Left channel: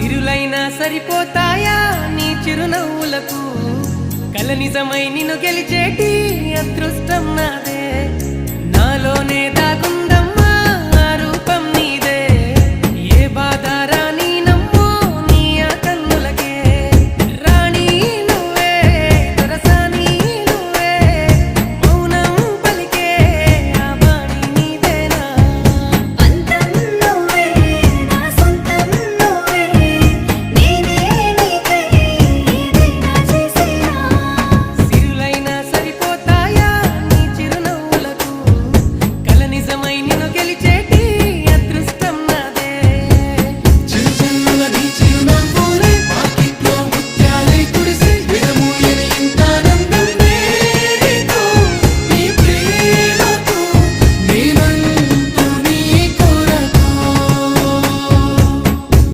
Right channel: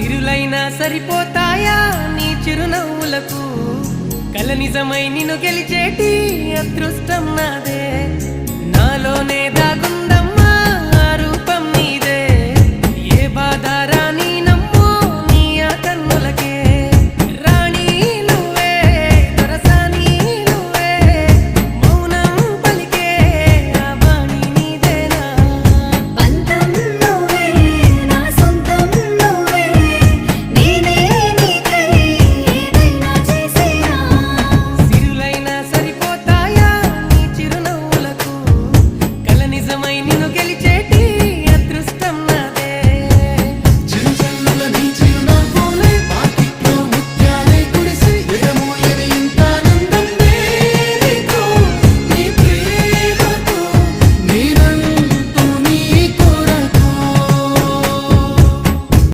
సిరులైనా సరిపోతాయా నీ చిరునవ్వులకు కల నిజమై నిన్ను గెలిచేటి అదృష్టం నాదే నాలోనే దాగుందమ్మా ఆ రూపం నీదే ఏ బాధ రాని